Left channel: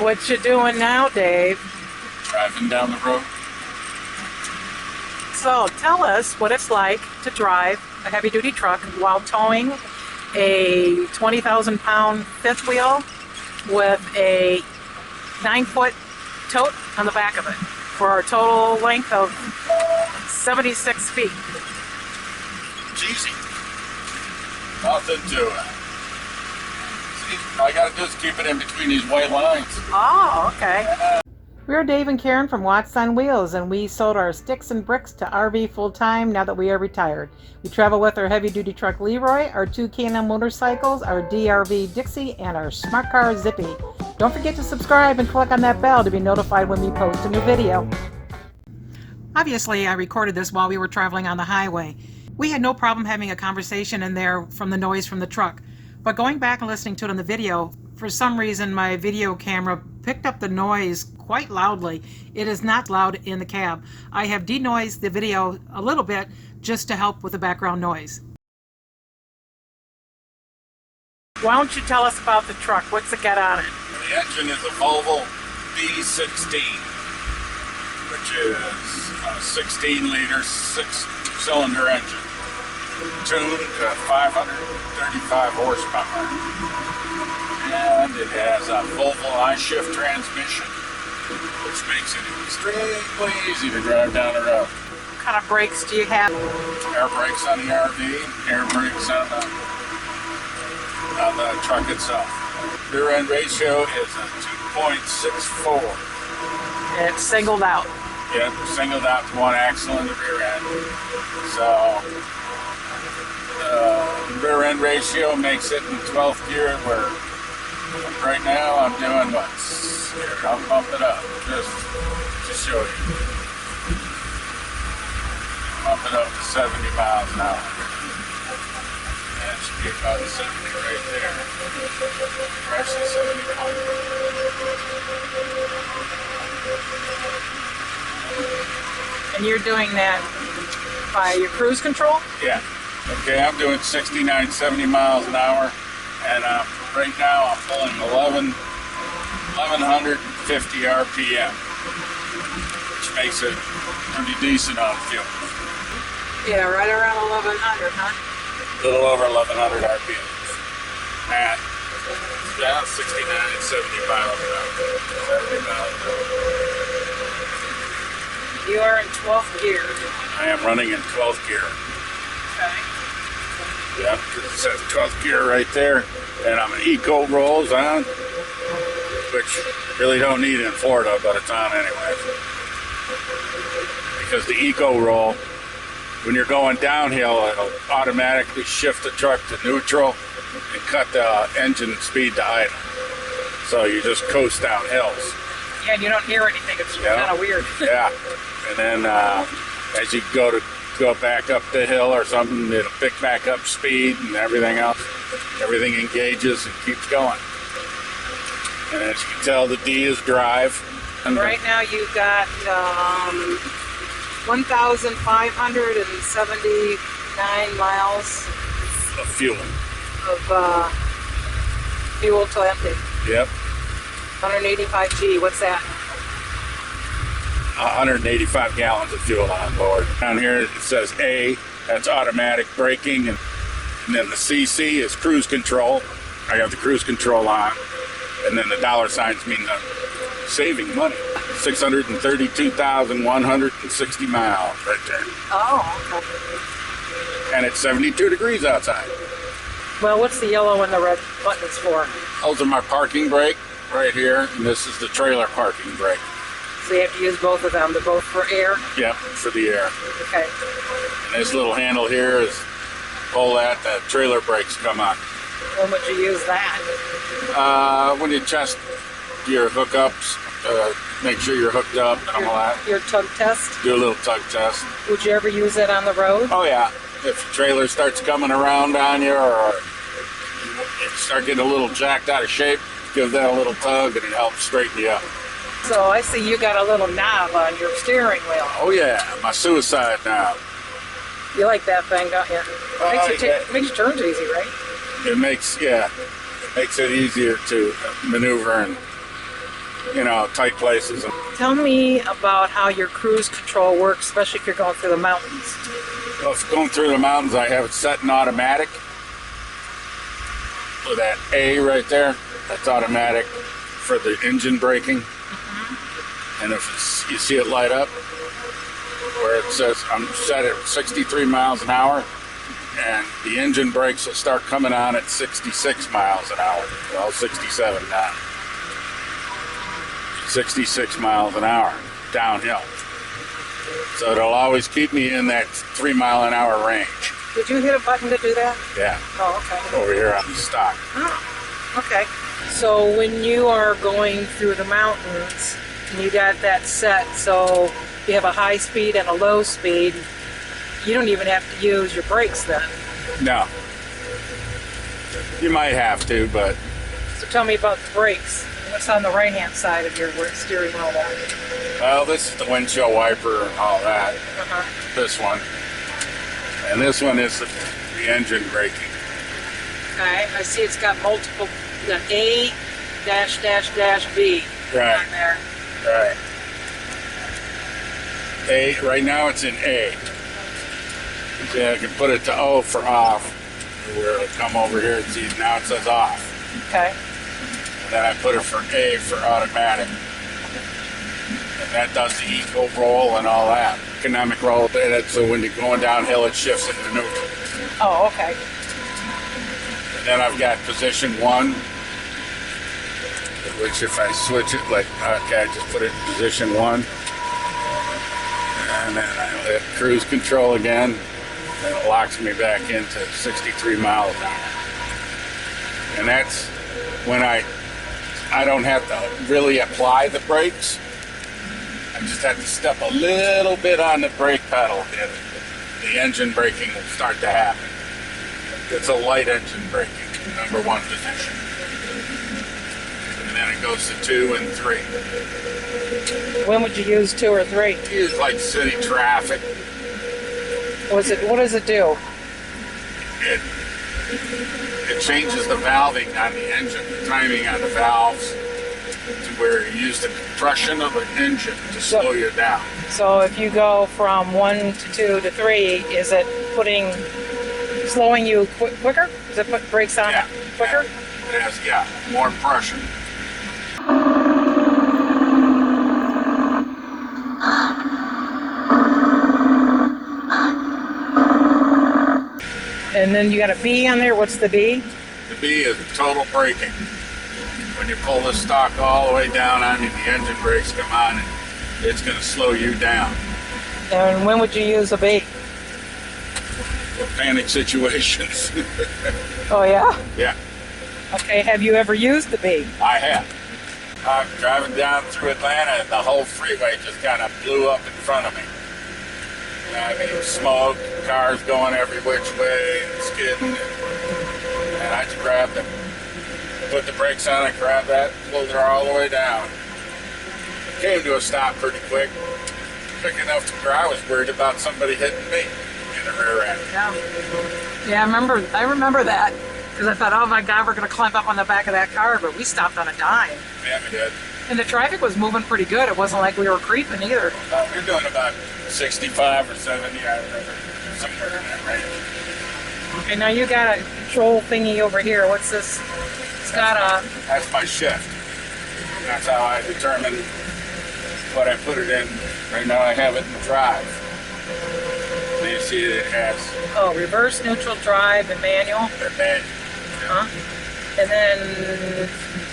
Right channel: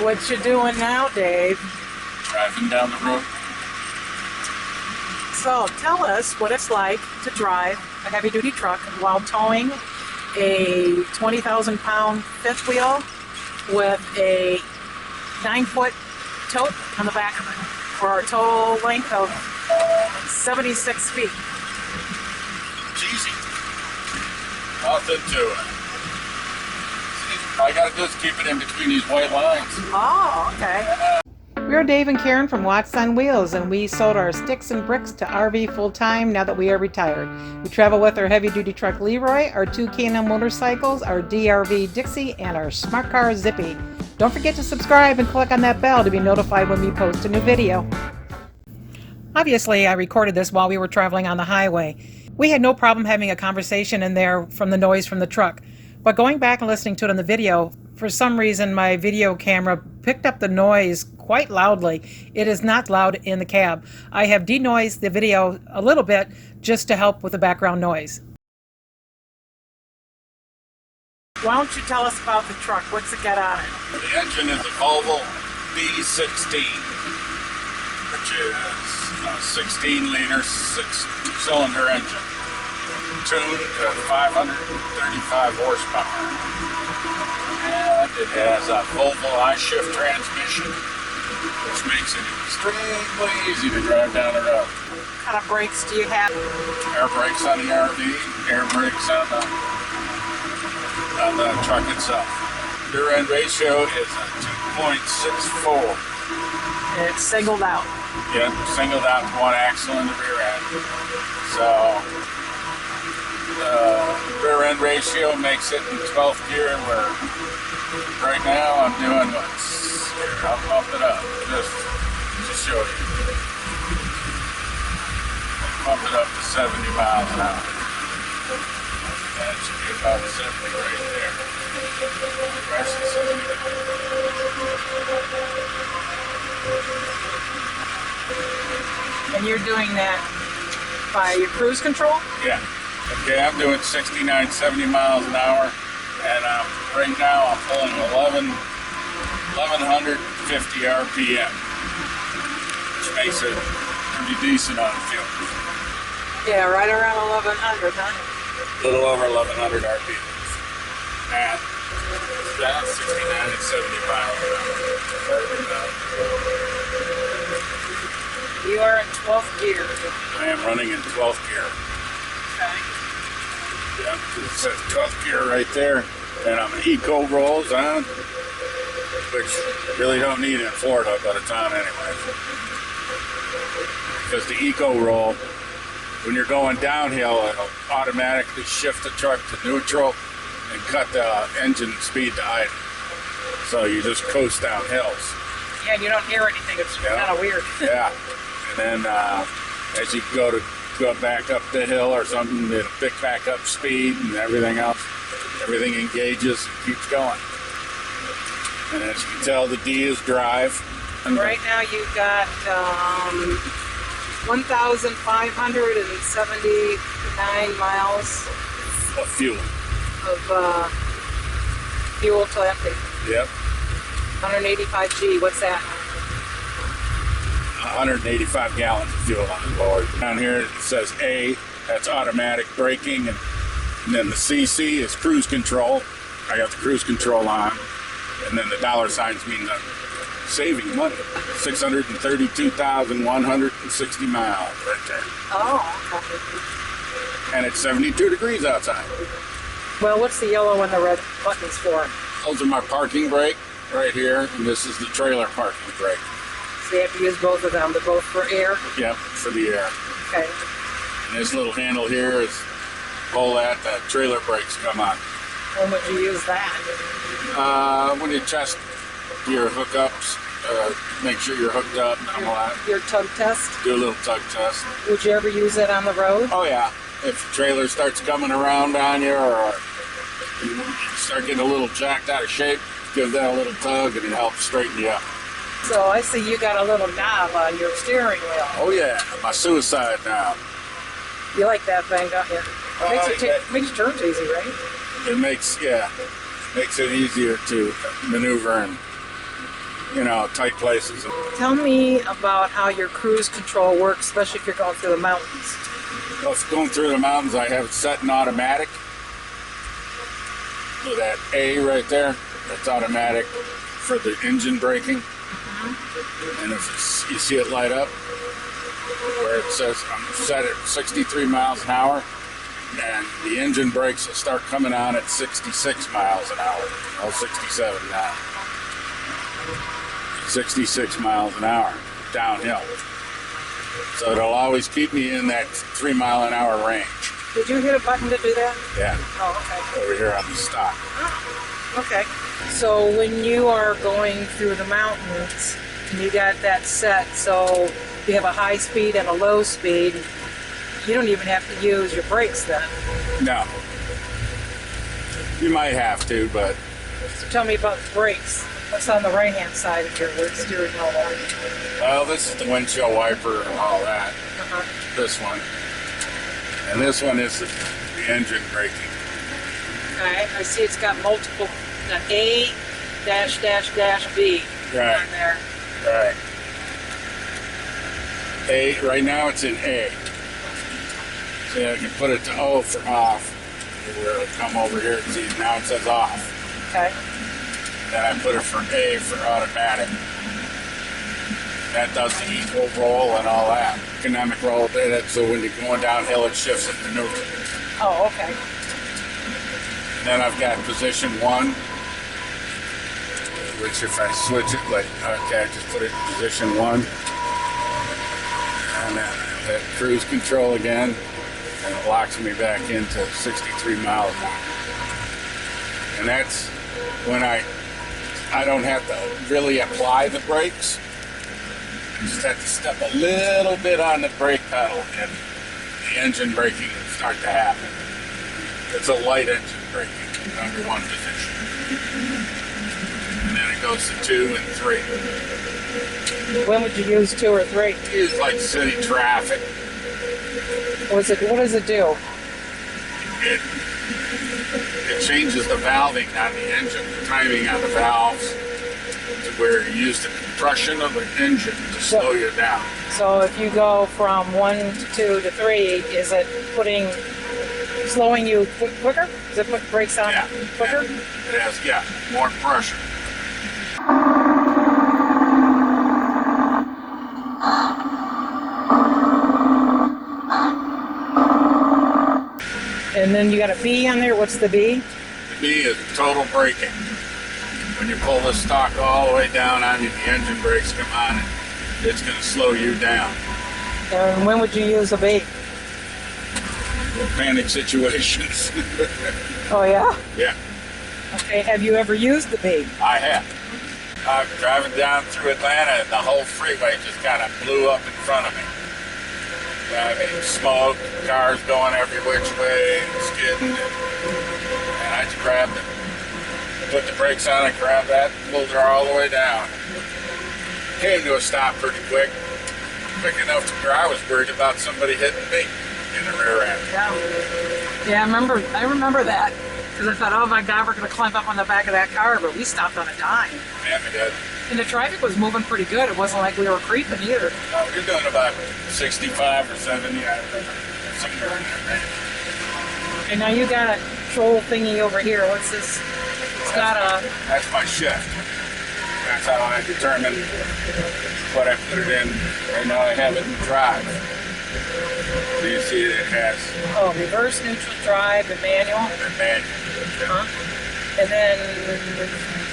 What you doing now, Dave? Driving down the road. So tell us what it's like to drive a heavy-duty truck while towing a 20,000-pound fifth wheel with a 9-foot tote on the back of it for a total length of 76 feet. It's easy. Nothing to it. All I gotta do is keep it in between these white lines. Oh, okay. We're Dave and Karen from Watts on Wheels, and we sold our sticks and bricks to RV full-time now that we are retired. We travel with our heavy-duty truck Leroy, our 2 K&N motorcycles, our DRV Dixie, and our smart car Zippy. Don't forget to subscribe and click on that bell to be notified when we post a new video. Obviously, I recorded this while we were traveling on the highway. We had no problem having a conversation in there from the noise from the truck. But going back and listening to it in the video, for some reason my video camera picked up the noise quite loudly. It is not loud in the cab. I have denoised the video a little bit just to help with the background noise. Why don't you tell us about the truck? What's it got on it? The engine is a Volvo B16, which is a 16-liter, 6-cylinder engine, tuned to 535 horsepower. And it has a Volvo I-Shift transmission, which makes it extremely easy to drive down the road. What kind of brakes do you have? Air brakes on the RV, air brakes on the truck itself. Rear end ratio is a 2.64. And it's singled out. Yep, singled out to one axle in the rear end. So the rear end ratio makes it in 12th gear, where right now I'm doing what? Here, I'll bump it up just to show you. Bump it up to 70 miles an hour. That should be about 70 right there. Actually 71. And you're doing that by your cruise control? Yeah. Okay, I'm doing 69, 70 miles an hour, and right now I'm pulling 1150 RPM, which makes it pretty decent on fuel. Yeah, right around 1100, huh? A little over 1100 RPM. And down 69 and 70 miles an hour. 70 miles an hour. You are in 12th gear. I am running in 12th gear. Okay. Yeah, it says 12th gear right there. And I'm an Eco rolls on, which really don't need it in Florida, but it's on anyway. Because the Eco roll, when you're going downhill, it'll automatically shift the truck to neutral and cut the engine speed to idle. So you just coast down hills. Yeah, and you don't hear anything. It's kind of weird. Yeah. And then as you go back up the hill or something, it'll pick back up speed and everything else. Everything engages and keeps going. And as you can tell, the D is drive. And right now you've got 1,579 miles of fuel. Of fuel to empty. Yep. 185G, what's that? 185 gallons of fuel on board. Down here it says A, that's automatic braking, and then the CC is cruise control. I have the cruise control on, and then the dollar signs mean I'm saving money. 632,160 miles right there. Oh, okay. And it's 72 degrees outside. Well, what's the yellow and the red buttons for? Those are my parking brake right here, and this is the trailer parking brake. So you have to use both of them. They're both for air? Yep, for the air. Okay. And this little handle here is pull that, the trailer brakes come on. When would you use that? When you test your hookups, make sure you're hooked up and all that. Your tug test? Do a little tug test. Would you ever use it on the road? Oh yeah. If the trailer starts coming around on you, or you start getting a little jacked out of shape, give that a little tug and it helps straighten you up. So I see you got a little knob on your steering wheel. Oh yeah, my suicide knob. You like that thing, don't you? Makes your turns easy, right? It makes it easier to maneuver and you know, tight places. Tell me about how your cruise control works, especially if you're going through the mountains. Well, if going through the mountains, I have it set in automatic. With that A right there, that's automatic for the engine braking. And if you see it light up, where it says I'm set at 63 miles an hour, and the engine brakes will start coming on at 66 miles an hour. Well, 67 now. 66 miles an hour downhill. So it'll always keep me in that 3 mile an hour range. Did you hit a button to do that? Yeah. Oh, okay. Over here on the stock. Oh, okay. So when you are going through the mountains, and you got that set, so you have a high speed and a low speed, you don't even have to use your brakes then. No. You might have to, but... So tell me about the brakes. What's on the right-hand side of your steering wheel there? Well, this is the windshield wiper and all that. This one. And this one is the engine braking. Okay, I see it's got multiple, the A dash dash dash B Right. on there. Right. A, right now it's in A. See, I can put it to O for off. Where it'll come over here and see, now it says off. Okay. And then I put it for A for automatic. And that does the equal roll and all that. Economic roll, so when you're going downhill, it shifts into neutral. Oh, okay. And then I've got position 1, which if I switch it, like, okay, I just put it in position 1. And then I hit cruise control again, and it locks me back into 63 miles an hour. And that's when I don't have to really apply the brakes. I just have to step a little bit on the brake pedal, and the engine braking will start to happen. It's a light engine braking, number 1 position. And then it goes to 2 and 3. When would you use 2 or 3? Use like city traffic. What does it do? It changes the valving on the engine, the timing on the valves, to where you use the compression of an engine to slow you down. So if you go from 1 to 2 to 3, is it slowing you quicker? Does it put brakes on quicker? Yeah. It has, more pressure. And then you got a B on there. What's the B? The B is total braking. When you pull the stock all the way down on you, the engine brakes come on, and it's going to slow you down. And when would you use a B? In panic situations. Oh, yeah? Yeah. Okay, have you ever used the B? I have. I'm driving down through Atlanta, and the whole freeway just kind of blew up in front of me. I mean, smoke, cars going every which way, skidding, and I just grabbed it. Put the brakes on and grabbed that, pulled her all the way down. Came to a stop pretty quick enough to where I was worried about somebody hitting me in the rear end. Yeah, I remember that, because I thought, oh my God, we're going to climb up on the back of that car, but we stopped on a dime. Yeah, we did. And the traffic was moving pretty good. It wasn't like we were creeping either. You're doing about 65 or 70, somewhere in that range. Okay, now you got a control thingy over here. What's this? It's got a... That's my shift. That's how I determine what I put it in. Right now I have it in drive. So you see that it has... Oh, reverse, neutral, drive, and manual. And manual. Uh-huh. And then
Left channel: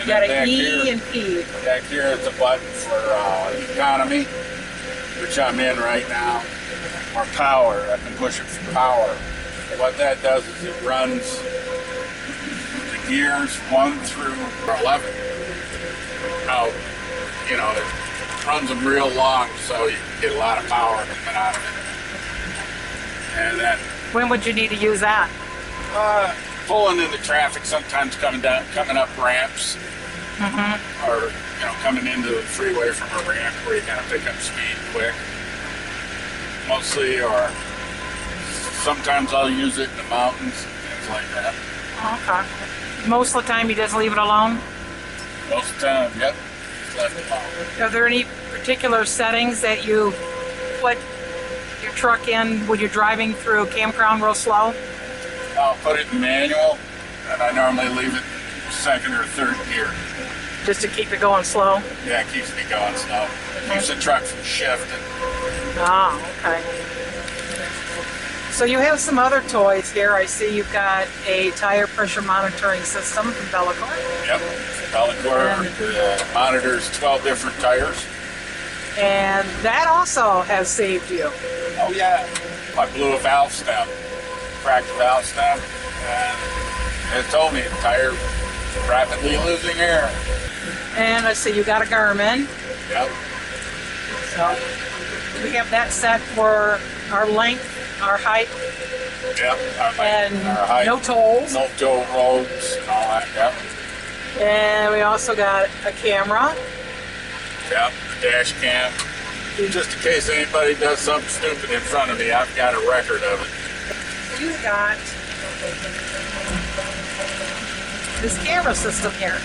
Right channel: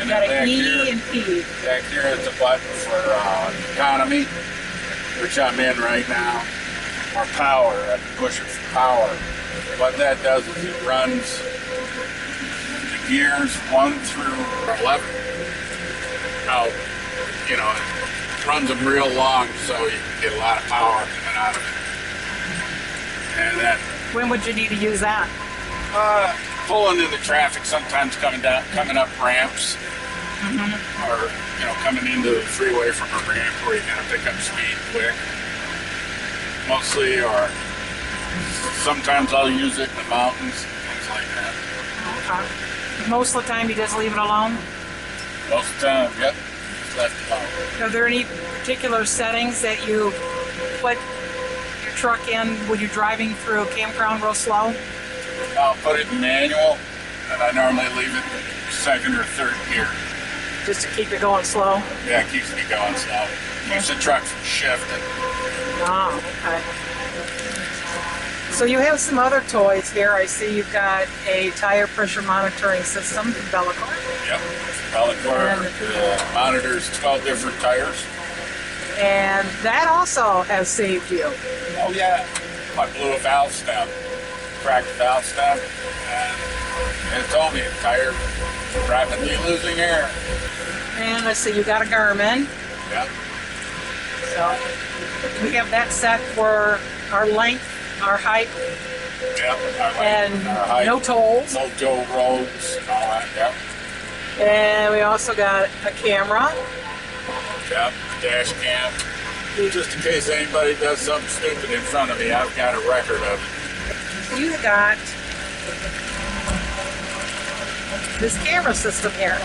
you got an E and P. Back here is the button for economy, which I'm in right now, or power. I've been pushing for power. What that does is it runs the gears 1 through 11 out. You know, it runs them real long so you can get a lot of power coming out of it. And then... When would you need to use that? Pulling into traffic, sometimes coming up ramps, or coming into the freeway from a ramp where you gotta pick up speed quick. Mostly, or sometimes I'll use it in the mountains, things like that. Okay. Most of the time, you just leave it alone. Most of the time, yep. left alone. Are there any particular settings that you put your truck in when you're driving through a campground real slow? I'll put it in manual, and I normally leave it second or third gear. Just to keep it going slow? Yeah, it keeps me going slow. Keeps the truck from shifting. Oh, okay. So you have some other toys here. I see you've got a tire pressure monitoring system from Bellicor. Yep. Bellicor monitors 12 different tires. And that also has saved you. Oh yeah. I blew a valve stem, cracked the valve stem, and it told me the tire rapidly losing air. And I see you got a Garmin. Yep. So we have that set for our length, our height, Yep. and our height, no tolls. no toll roads, all that. Yep. And we also got a camera. Yep. A dash cam. Just in case anybody does something stupid in front of me, I've got a record of it. You got this camera system here.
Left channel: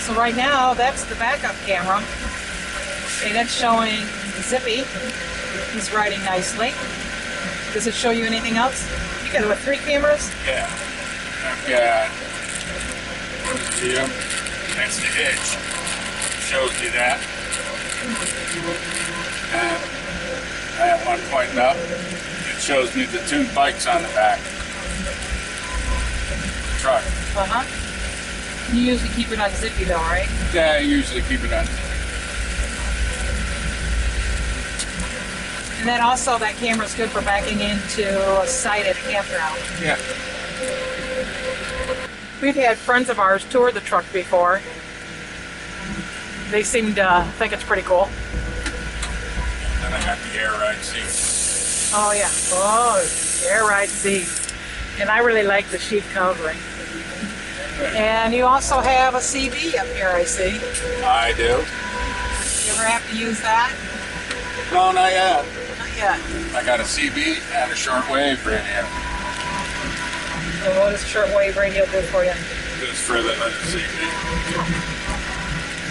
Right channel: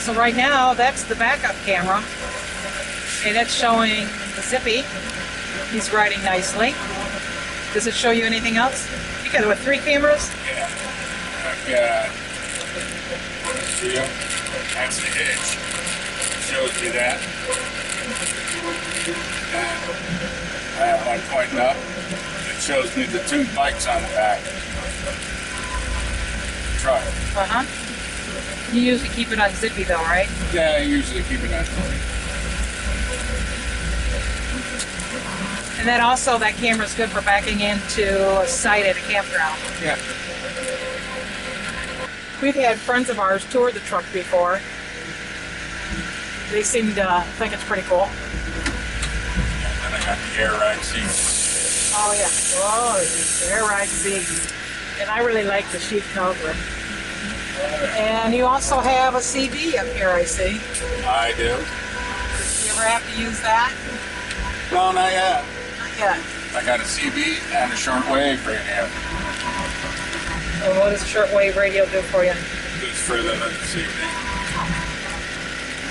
So right now, that's the backup camera, and it's showing Zippy. He's riding nicely. Does it show you anything else? You got what, 3 cameras? Yeah. I've got, see them? That's the hitch. Shows you that. And I have one pointing up. It shows me the 2 bikes on the back. Truck. Uh-huh. You usually keep it on Zippy though, right? Yeah, I usually keep it on. And then also that camera's good for backing into a site at a campground. Yeah. We've had friends of ours tour the truck before. They seem to think it's pretty cool. And I got the air ride seat. Oh yeah. Oh, air ride seat. And I really like the sheet covering. And you also have a CB up here, I see. I do. You ever have to use that? No, not yet. Not yet. I got a CB and a shortwave radio. And what does shortwave radio do for you? It's further than the CB.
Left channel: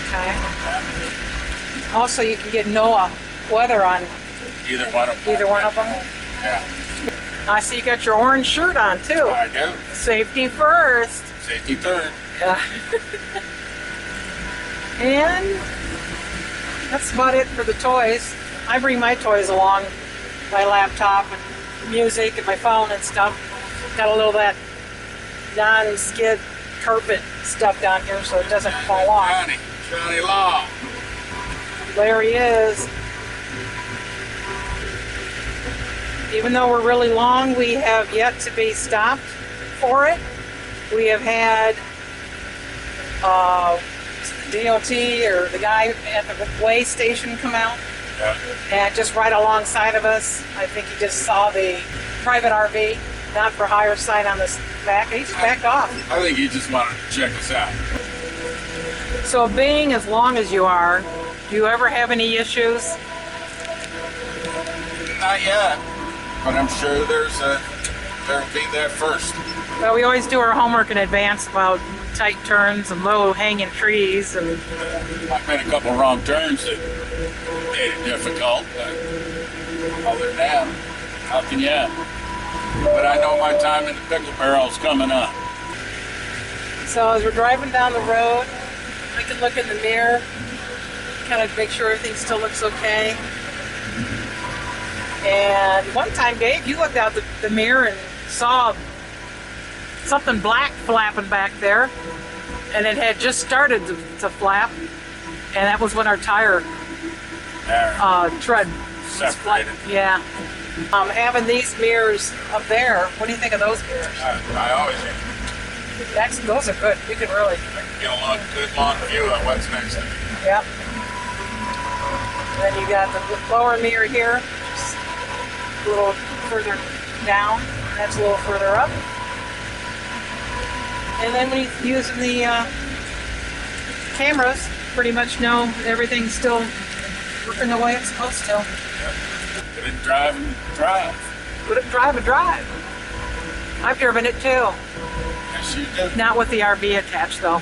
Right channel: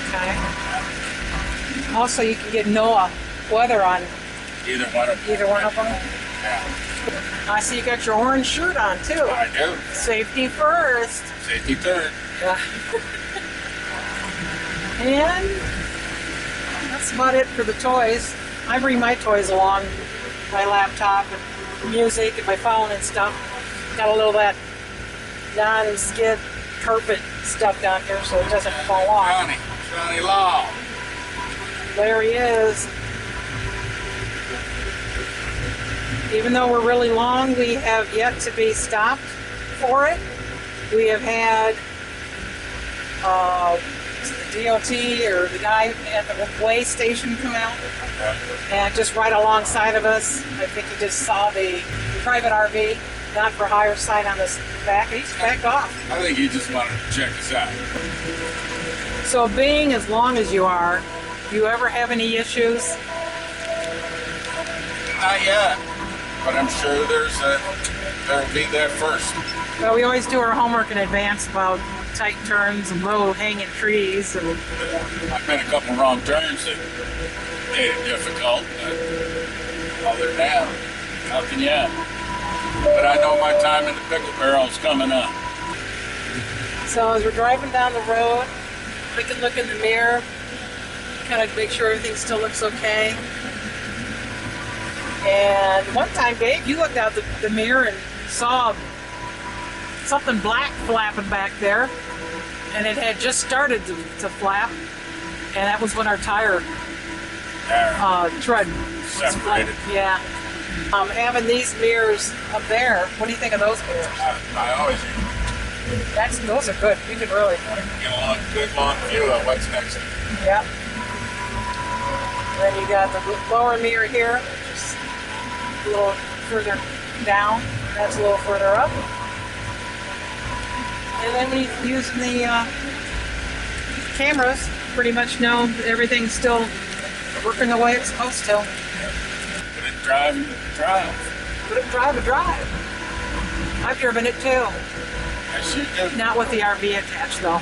Okay. Also, you can get NOAA weather on Either one of them. either one of them. Yeah. I see you got your orange shirt on too. I do. Safety first. Safety third. Yeah. And that's about it for the toys. I bring my toys along, my laptop and music and my phone and stuff. Got a little of that non-skid carpet stuff down here so it doesn't fall off. Johnny Law. There he is. Even though we're really long, we have yet to be stopped for it. We have had the DOT or the guy at the way station come out and just right alongside of us. I think he just saw the private RV, not for hire sign on this back. He just backed off. I think he just wanted to check us out. So being as long as you are, do you ever have any issues? Not yet, but I'm sure there'll be that first. Well, we always do our homework in advance about tight turns and low hanging trees. And I've made a couple wrong turns that made it difficult, but other than that, how can you? But I know my time in the pickle barrel's coming up. so as we're driving down the road, we can look in the mirror, kind of make sure everything still looks okay. And one time, Dave, you looked out the mirror and saw something black flapping back there, and it had just started to flap, and that was when our tire tread Separated. Yeah. Having these mirrors up there, what do you think of those mirrors? I always Those are good. You can really. get a good long view of what's next to me. Yep. Then you got the lower mirror here, just a little further down. That's a little further up. And then when you're using the cameras, pretty much know everything's still working the way it's supposed to. Put it drive and drive. Put it drive. I've driven it too. Yes, you do. Not with the RV attached though.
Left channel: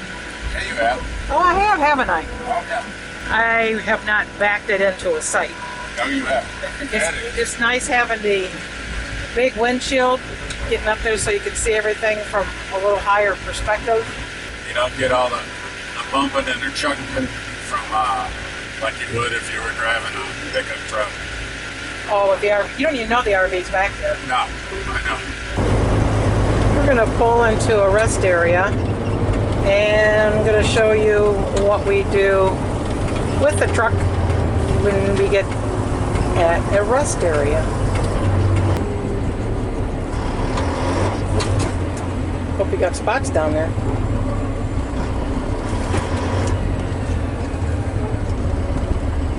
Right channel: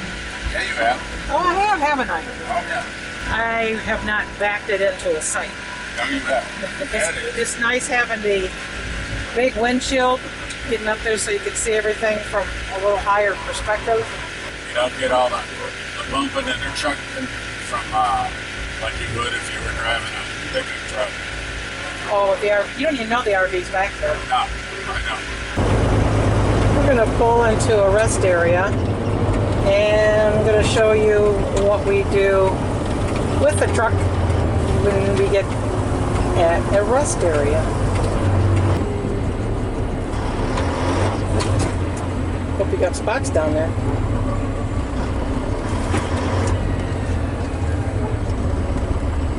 Yeah, you have. Oh, I have, haven't I? Okay. I have not backed it into a site. No, you have. It's nice having the big windshield getting up there so you can see everything from a little higher perspective. You don't get all the bumping and the chucking from like you would if you were driving a pickup truck. Oh, with the RV, you don't even know the RV's back there. No, I know. We're going to pull into a rest area, and I'm going to show you what we do with the truck when we get at a rest area. Hope you got spots down there.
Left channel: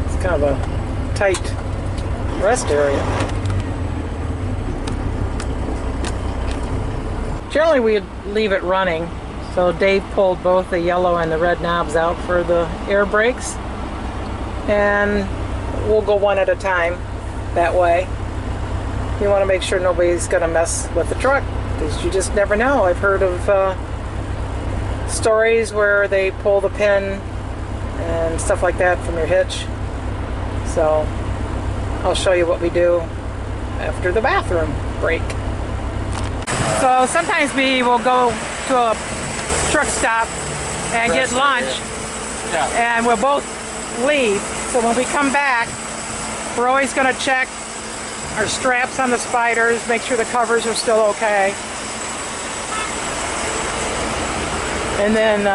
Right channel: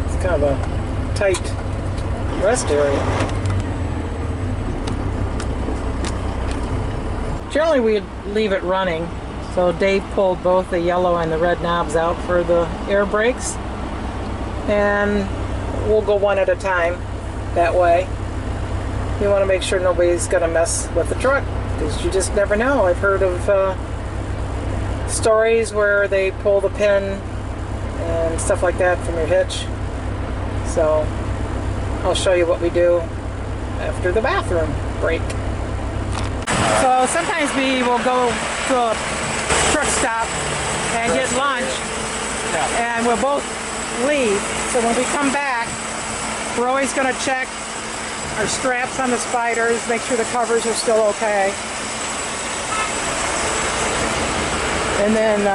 It's kind of a tight rest area. Generally we leave it running, so Dave pulled both the yellow and the red knobs out for the air brakes, and we'll go one at a time that way. You want to make sure nobody's going to mess with the truck, because you just never know. I've heard of stories where they pull the pin and stuff like that from your hitch. So I'll show you what we do after the bathroom break. So sometimes we will go to a truck stop and get lunch, and we'll both leave. So when we come back, we're always going to check our straps on the spiders, make sure the covers are still okay. And then,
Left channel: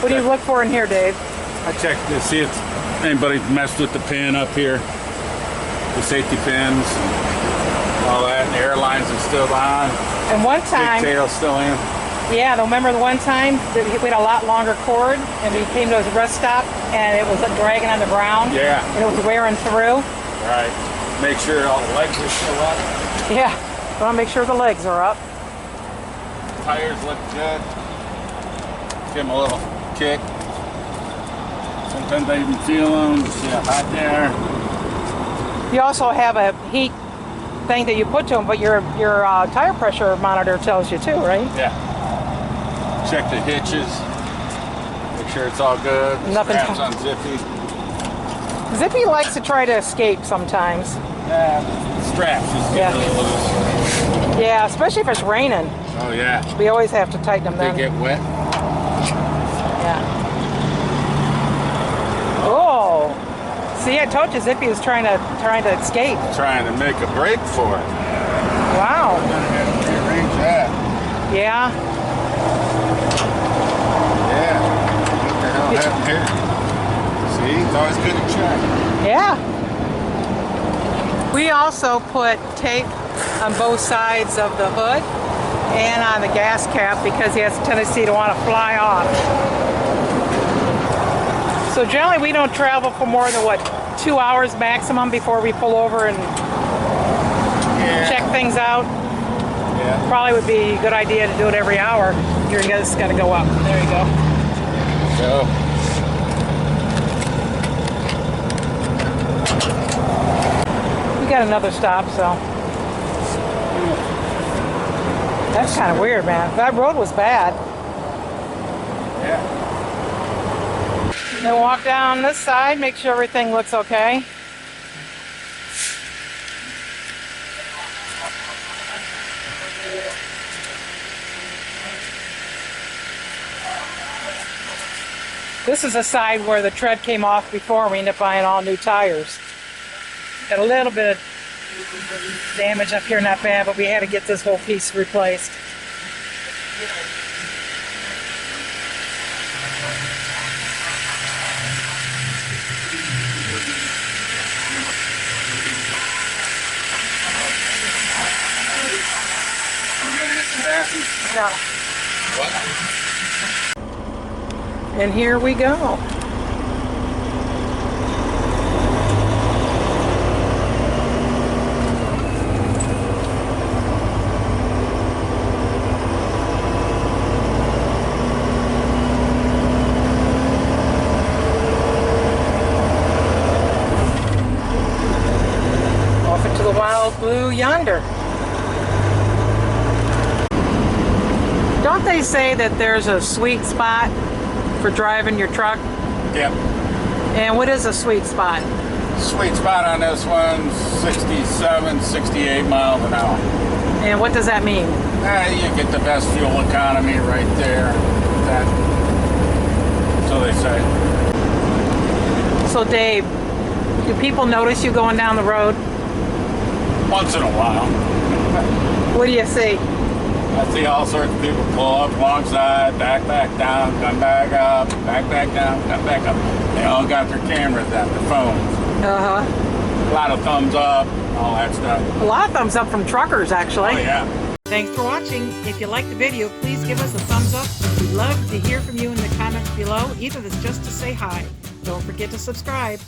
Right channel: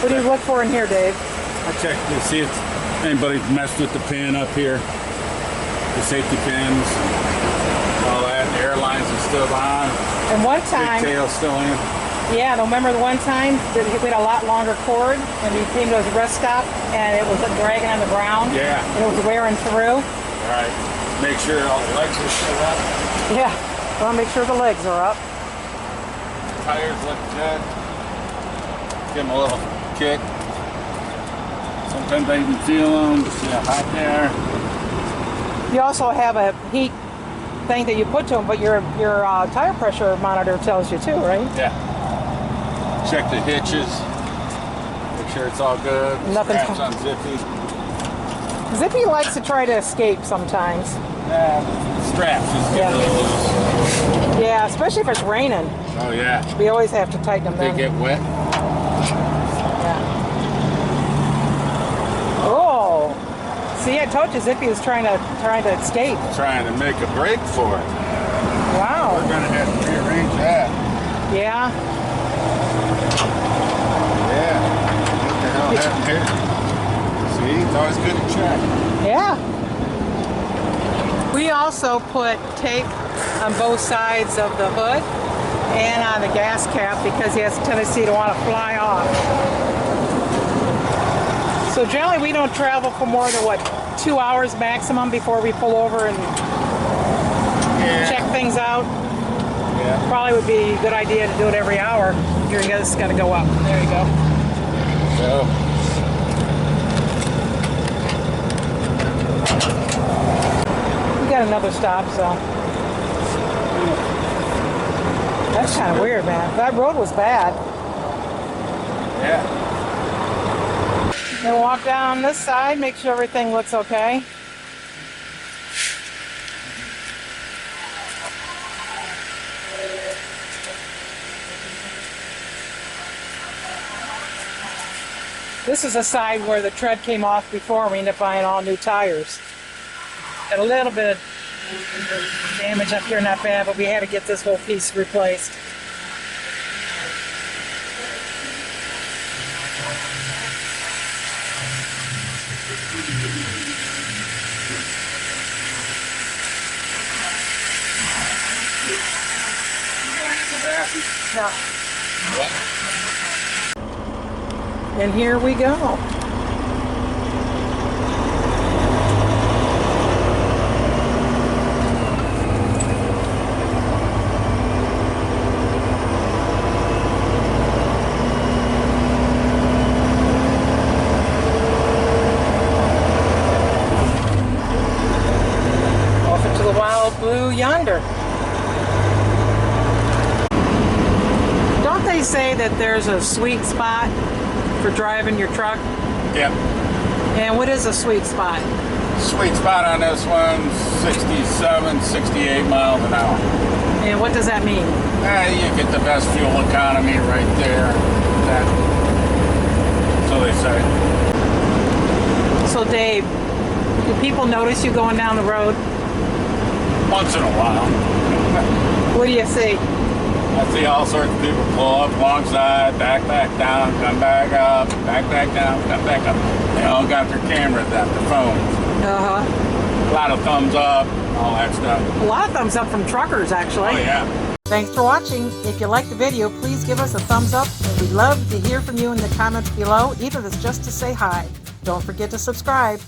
what do you look for in here, Dave? I check to see if anybody messed with the pin up here, the safety pins, all that. The airlines are still on. And one time, Big tail's still in. yeah, remember the one time that we had a lot longer cord, and we came to a rest stop, and it was dragging on the ground. Yeah. And it was wearing through. Right. Make sure all the legs are still up. Yeah, I want to make sure the legs are up. Tires look good. Give them a little kick. Sometimes I even feel them. See how hot they are. You also have a heat thing that you put to them, but your tire pressure monitor tells you too, right? Yeah. Check the hitches. Make sure it's all good. Nothing's Straps on Zippy. Zippy likes to try to escape sometimes. Yeah, straps just get a little loose. Yeah, especially if it's raining. Oh yeah. We always have to tighten them They then. get wet. Yeah. Oh. See, I told you Zippy was trying to escape. Trying to make a break for it. Wow. We're gonna have to rearrange that. Yeah. Yeah. What the hell happened here? See, it's always good to check. Yeah. We also put tape on both sides of the hood and on the gas cap because he has a tendency to want to fly off. So generally we don't travel for more than, 2 hours maximum before we pull over and check things out. Yeah. Probably would be a good idea to do it every hour. Here you go, it's got to go up. There you go. So. We got another stop, so. That's kind of weird, man. That road was bad. Yeah. Then walk down this side, make sure everything looks okay. This is a side where the tread came off before, and we ended up buying all new tires. Got a little bit of damage up here, not bad, but we had to get this whole piece replaced. No. What? And here we go. Off into the wild blue yonder. Don't they say that there's a sweet spot for driving your truck. Yep. And what is a sweet spot? Sweet spot on this one, 67, 68 miles an hour. And what does that mean? You get the best fuel economy right there. So they say. So Dave, do people notice you going down the road? Once in a while. What do you see? I see all sorts of people pull up alongside, back down, come back up, back down, come back up. They all got their cameras out, their phones. Uh-huh. A lot of thumbs up, all that stuff. A lot of thumbs up from truckers, actually. Oh, yeah. Thanks for watching. If you liked the video, please give us a thumbs up. We'd love to hear from you in the comments below, even if it's just to say hi. Don't forget to subscribe.